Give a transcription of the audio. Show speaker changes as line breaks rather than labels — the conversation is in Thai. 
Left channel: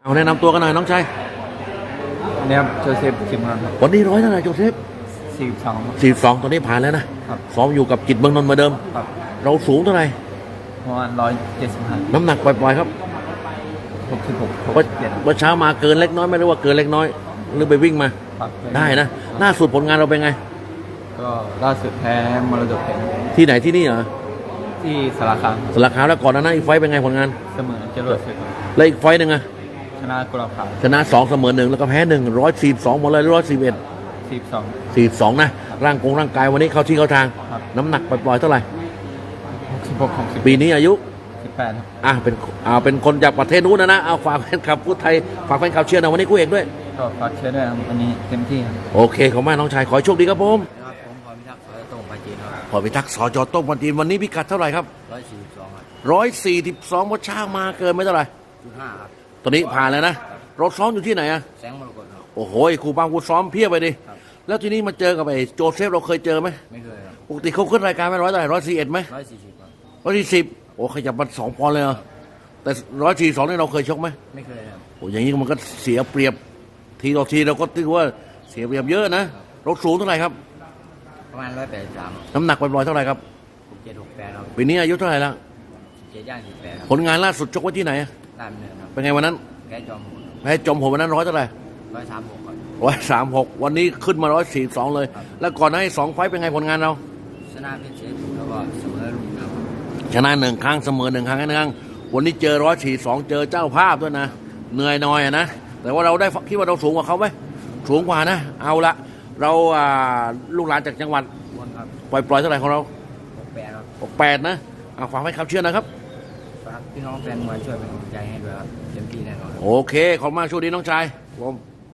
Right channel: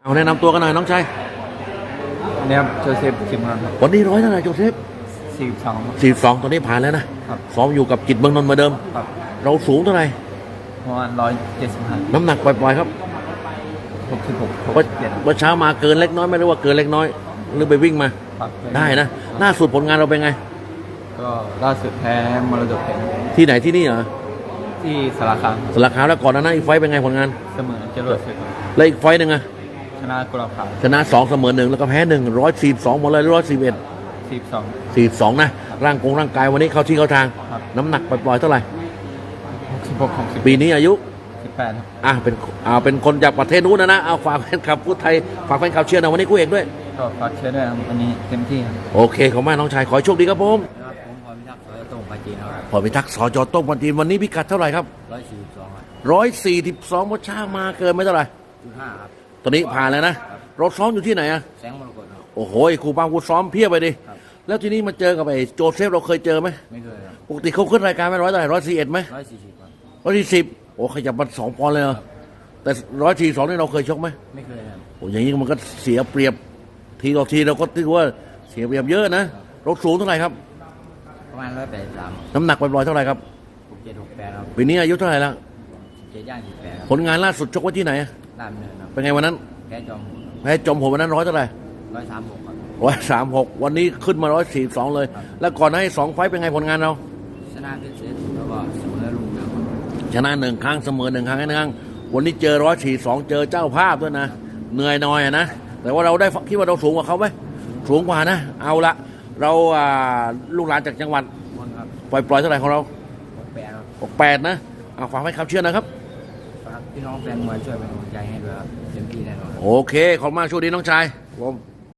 เอาแนะนำตัวกันหน่อยน้องชาย
เนี่ยครับโจเซฟคิมครับ
วันนี้ร้อยเท่าไหร่โจเซฟ
42
ตอนนี้ผ่านแล้วนะ
ครับ
ซ้อมอยู่กับจิตเมืองนนท์เหมือนเดิม
ครับ
เราสูงเท่าไหร่
ประมาณ175
น้ำหนักปล่อยๆครับ
66
เมื่อเช้ามาเกินเล็กน้อยไม่รู้ว่าเกินเล็กน้อยหรือไปวิ่งมา
ครับ
ได้นะล่าสุดผลงานเราเป็นไง
ก็ล่าสุดแพ้มรดกเพชร
ที่ไหนที่นี่เหรอ
ที่สารคาม
สลักขาวแล้วก่อนนั้นอีกไฟต์เป็นไงผลงาน
เสมอจรวดศึกครับ
แล้วอีกไฟต์หนึ่งอะ
ชนะกุหลาบขาว
ชนะ2เสมอ1แล้วก็แพ้142หมดเลย
42
141 42นะร่างกายวันนี้เข้าที่เข้าทาง
ครับ
น้ำหนักปล่อยๆเท่าไหร่
66 60
ปีนี้อายุ
18ครับ
เป็นคนจากประเทศนู้นนะเอาฝากแฟนคลับพูดไทยฝากแฟนคลับเชียร์นะวันนี้กูเอกด้วย
ก็ฝากเชียร์ด้วยครับวันนี้เต็มที่ครับ
โอเคขอบคุณมากน้องชายขอให้โชคดีครับผม
ครับผมพรพิทักษ์สอยตรงไปจีนครับ
พอพิทักษ์สจต้มปันจีนวันนี้พิกัดเท่าไหร่ครับ
142ครับ
142วัดช่างมาเกินไม่เท่าไหร่
5ครับ
ตอนนี้ผ่านแล้วนะเราซ้อมอยู่ที่ไหนอะ
แสงมรกตครับ
โอ้โหครูบางครูซ้อมเพียบไปดิแล้วทีนี้มาเจอกับไอ้โจเซฟเราเคยเจอไหม
ไม่เคยครับ
ปกติเขาขึ้นรายการไหม100เท่าไหร่141ไหม
140ครับ
140โอ้ขยับมา2 ปอนด์เลยเหรอแต่142นี่เราเคยชกไหม
ไม่เคยครับ
โอ้อย่างนี้มันก็เสียเปรียบทีต่อทีเราก็ถือว่าเสียเปรียบเยอะนะเราสูงเท่าไหร่ครับ
ประมาณ183
น้ำหนักปล่อยๆเท่าไหร่ครับ
6768ครับ
ปีนี้อายุเท่าไหร่ละ
17ย่าง18ครับ
ผลงานล่าสุดชกไว้ที่ไหน
ตามเนินครับ
เป็นไงวันนั้น
แพ้จอมโหด
แพ้จอมโหดวันนั้น100เท่าไหร่
136ครับ
136วันนี้ขึ้นมา142เลยแล้วก่อนหน้านี้2 ไฟต์เป็นไงผลงานเรา
ชนะเพชรเชฟแล้วก็เสมอลุงครับ
ชนะ1 ครั้งเสมอ1 ครั้งนั่นวันนี้เจอ142เจอเจ้าภาพด้วยนะเหนื่อยหน่อยนะแต่ว่าเราได้คิดว่าเราสูงกว่าเขาไหมสูงกว่านะเอาละเราลูกหลานจากจังหวัด
วนครับ
ปล่อยเท่าไหร่ของเรา
68ครับ
68นะเอาฝากให้คำเชื่อนะครับ
ฝากพี่น้องแฟนมวยช่วยเป็นกำลังใจให้ด้วยครับเต็มที่แน่นอน
โอเคขอบคุณมากช่วงนี้น้องชายผม